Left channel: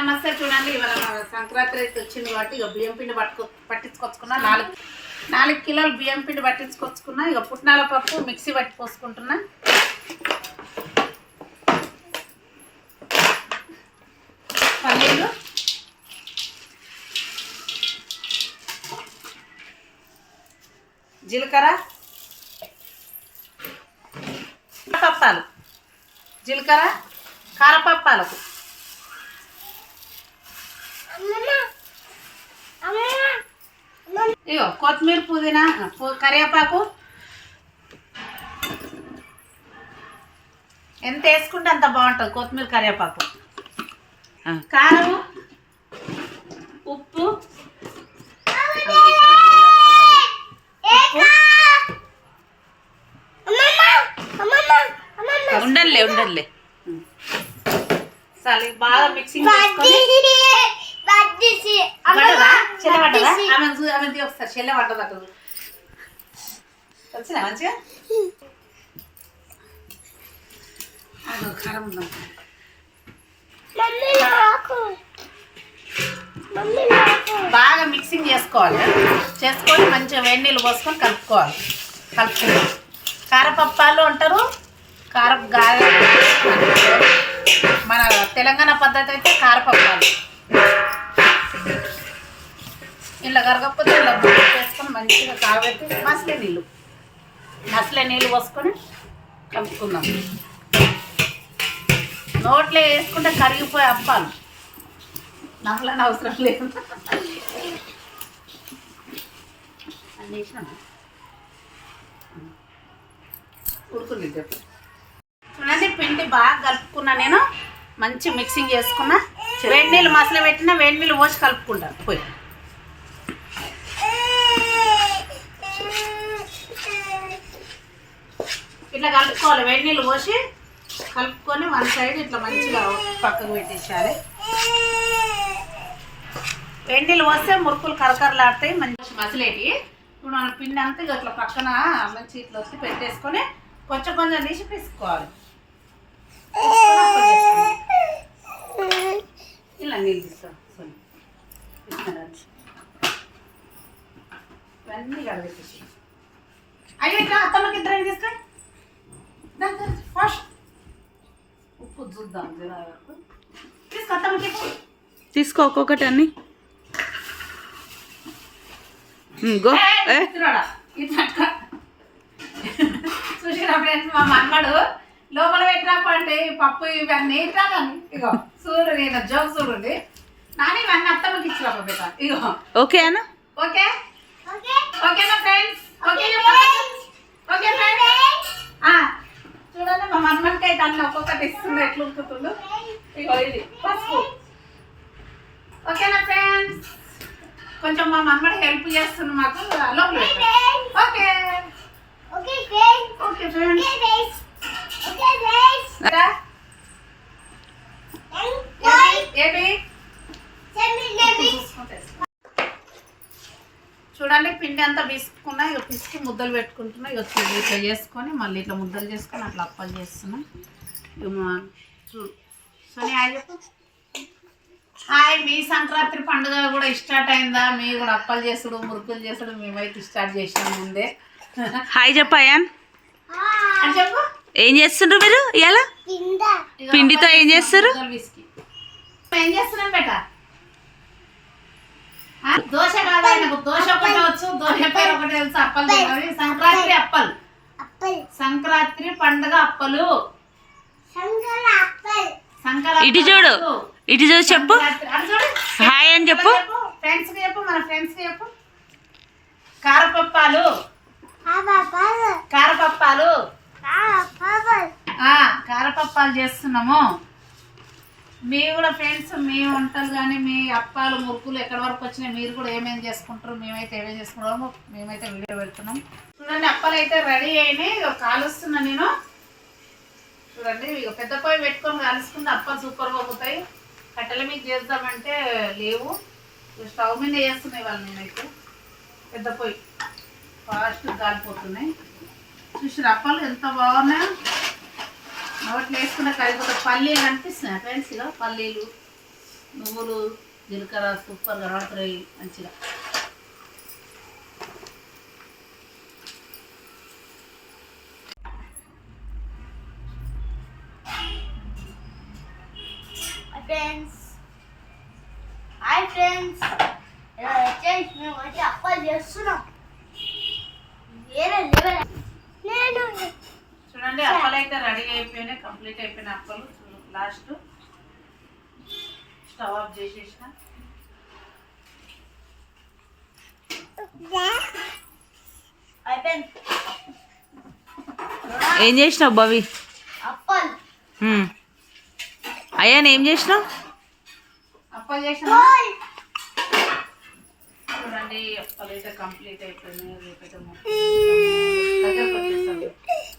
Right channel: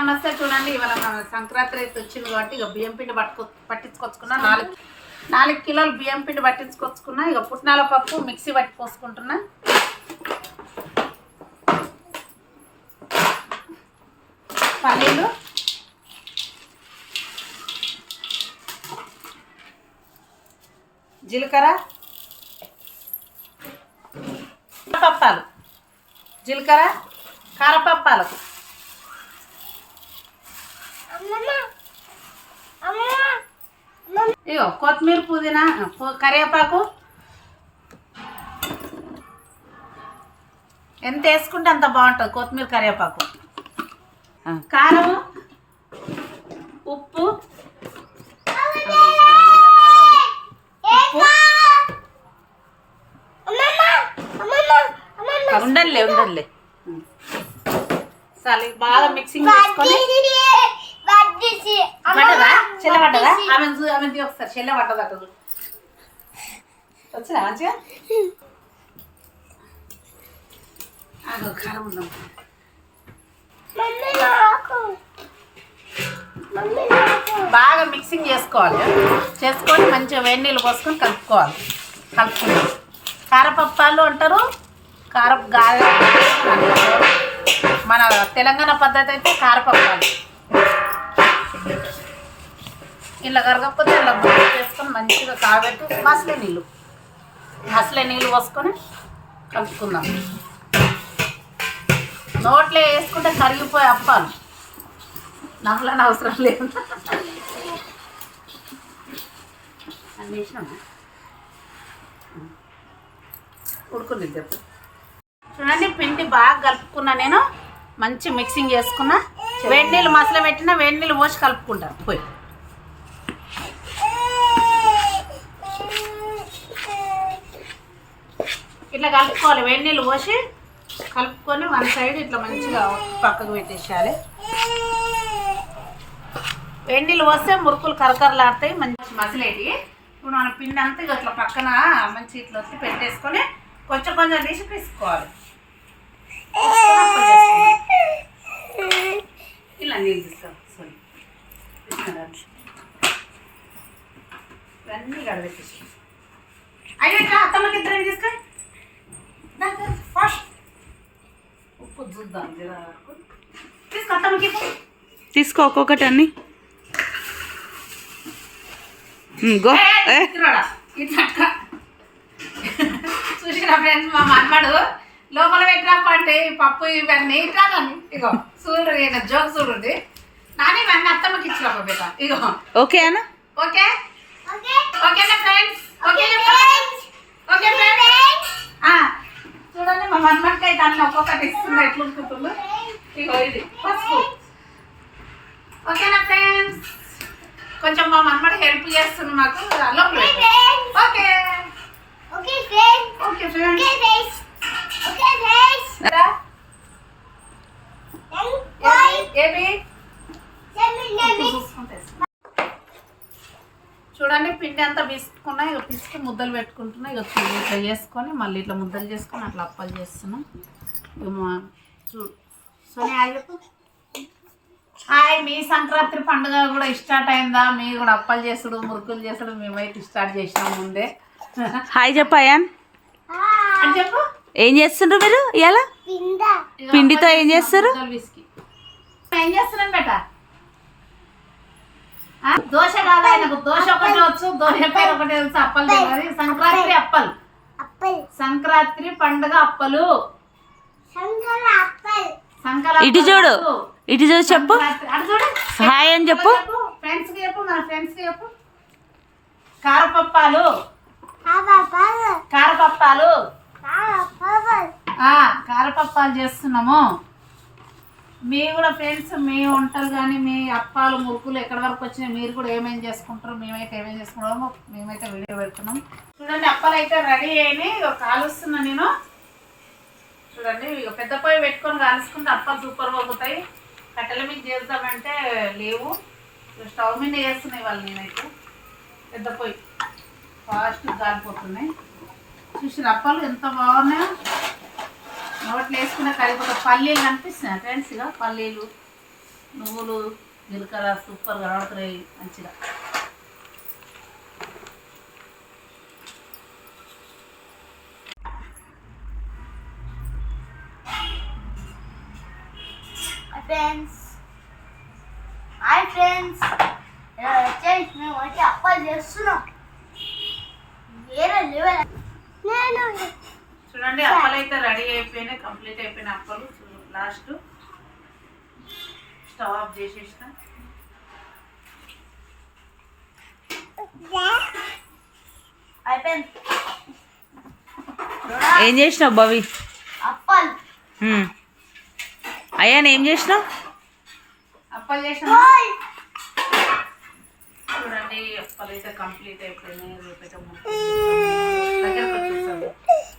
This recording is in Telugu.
నమస్తే. చూడండి, ఇవాళ మన సంక్రాంతి అయితే వచ్చింది కాబట్టి ఇక బియ్యం పిండి పట్టించుకొచ్చుకున్నా. 4 కిలోలు బియ్యం పిండి పట్టించుకొచ్చుకున్నా. ఇక పుట్నాల పప్పు మిక్సీ పట్టి పోసుకుంటున్నా. పల్లీలు, జీలకర్ర, పప్పాలు, జీలకర్ర కారపప్పాలకు, ఇగో కొత్తిమీర, పుదీనా, కరివేపాకు ఎంత వేసుకుంటే అంత బాగుంటుంది. కొత్తిమీర, కరివేపాకు, కారం, ఉప్పు, ఉండలే సరే బాగా మిక్సింగ్ చేసుకొని పడ్డదా చెల్ల పడ్డదా ఆమె ఒకసారి చెల్ల పడ్డదట వచ్చినా మంచిగా కారం ఉందాం. బాగా మిక్సింగ్ చేసుకొని మంచిగా వేడి నీళ్ళు పోసుకొని కలుపుకుందాం. కారపప్పాలు అంటారు, కారపు గారె అంటారు. మన తెలంగాణ పద్ధతి అయితే కారపప్పాలు. ఇలా కరగకపోతే ఇలా బుద్ధి చేసుకొని మంచిగా కాబెట్టి మసలే నీళ్ళు పోసుకొని కలుపుకుందాం. నోట్లో వేసుకుంటే కరిగిపోయే అప్పాలు, నమ్మలని అవసరం లేదు. అన్నీ వేసినామా ఉడుకుంది చెప్పు. చూడండి, పిండి బాగా కలుపుకున్నా. నేను మంచి మిక్సింగ్ చేసుకున్నా. వేడి నీళ్ళు మసలు పెట్టినా వేడి నీళ్ళు పోసి కలుపుకుంటా. పోయి ఇట్లా కలుపుకోవాలి. వేడి నీళ్ళు పోసి కలుపుకొని వన్ సైడ్ ఇట్లా మంచిగా పక్కకు పెట్టేసేయాలి. వేడి నీళ్ళు పోస్తే మురుకులు కరకరలాడతాయి, మంచి మసలేటి. ఇప్పుడు మన పిండి అంతా ఇట్లా పక్కన మంచి ఇట్లా వచ్చి పెట్టేసుకొని కొంచెం తీసి పిసుకోవాలి. ఇలా నీళ్ళు తీసుకోవాలి. ఇవన్నీ గడబెట్టేసి అయ్యో ఇట్లా అత్తమ్మకి ఇద్దరు తీసుకో. ఫస్ట్ ఉప్పు చూద్దాం వరకు తీసుకో. అత్తమ్మకి తీసుకో ఒక్కొక్కటి అన్ని. చూసిరా ఫ్రెండ్స్, మా మనవాడు లోపల పెట్టినప్పంటే పప్పు ఇవన్నీ ఇట్రాలని. ఇగో చూడు, నేను జోక్ చూడండి. నాని ఇవన్నీ అత్తమ్మకి ఇచ్చిరాప బేట. ఇగో ఓకే అన్న. ఓకే ఓకేనా ఫ్రెండ్స్? ఓకే ఫ్రెండ్స్, చూడండి మా మనవాడికి అయితే అన్నీ ఒక్కొక్కటి ఇస్తుంది. ఎట్లా ఉడుకుతుందో. ఇగో ఇది పసుపు. ఓకేనా ఫ్రెండ్స్? కొంచెం మా మనవాడు హెల్ప్ చేస్తుంది మాకు. లోపల ఓకే చూడండి, పిండి అంతా పిసుకున్నా. ఇక పిసికి ముద్దలు పెట్టుకుంటున్నా. ఇక ఇట్లా చేసుకొని మళ్ళీ ఇట్లా ముద్దలు చేసుకొని అట్లా అప్పాలు చేస్తున్నాం. సోని హాయ్ చెప్పు. హాయ్. మీ సంక్రాంతి పండుగ కూడా స్టార్ట్ అయిందా? మీరు కూడా అప్పాలు చేసుడు, మురుకులు చేసుడు మేమైతే స్టార్ట్ చేసినాం ముందే. హాయ్ చెప్పు అయాన్. చెప్పు, ఏం చేస్తుండ్రు మీరు ఇవాళ? పిండితో ఏం చేస్తారు? ఏం చేస్తున్నాను బేట? దోశ కాదు, ఆయనకు దోశ ఒకటే వచ్చు, దోశ పేరు ఒకటే వచ్చు. అప్పలు తినాలి. సంక్రాంతి అప్పలు, సంక్రాంతి పండుగ అప్పలు. ఇటు చూడు, ఇటు చూడు, చెప్పు హాయ్ అని చెప్పు. ఫ్రెండ్స్ కి చెప్పు, మన ఫ్రెండ్స్ కి చెప్పు. కారపప్పాలు కారపప్పాలు చేస్తున్నాము. మీ కూడా ఫ్రెండ్స్, మీ వంటలు కానీ మీ అప్పాలు మురుకులు ఎక్కడి వరకు వచ్చినాయి, మీరు కూడా ఏమేమి చేసుకుంటారు, మేమైతే ఏమేమి చేసుకుంటామో మేమైతే వీడియో పెడుతున్నాం. చూడండి, అప్పాలు అయితే రెడీ అయినాయి. ఇక కాలుస్తున్నా నేను. చూడండి, ఇక పెద్ద పొయ్యి పెట్టుకొని కాలుసుకుంటే అప్పాలు సూపర్ పోతాయి. కట్టెల మీద చేద్దామంటే లేవు, స్టవ్ మీద చేస్తున్నాయి వాళ్ళు. నేనైతే పెద్ద పొయ్యి ఫాస్ట్ కాలిపోతున్నాయి. చూసి అప్పాలు ఎంత బాగున్నాయో. నోట్లు వేసుకునే కరిగిపోతే పల్లీలు కనిపిస్తున్నాయి ఫ్రెండ్స్. ఇక పల్లీలు నువ్వులు జీలకర్ర సూపర్ కనబడుతున్నాయి మంచిగా. హాయ్ ఫ్రెండ్స్, వచ్చేసి మేము అయితే అప్పాలు చేస్తున్నాం. వేరే లెవెల్. చూడండి అప్పలు అయితే రెడీ అయిపోయినాయి, కంప్లీట్ అయిపోయిన అప్పలు. లాస్ట్ స్టవ్ ఆఫ్ చేసేసిన. అయిపోయింది. ఏం చేసినావు భవి? అప్పాలు అయ్యా ఏం చేసినావు? అప్పలు చేసిన. చూడండి అప్పలు అయితే కంప్లీట్ అయిపోయినాయి. రేపైతే దగ్గరకు వచ్చేసాము.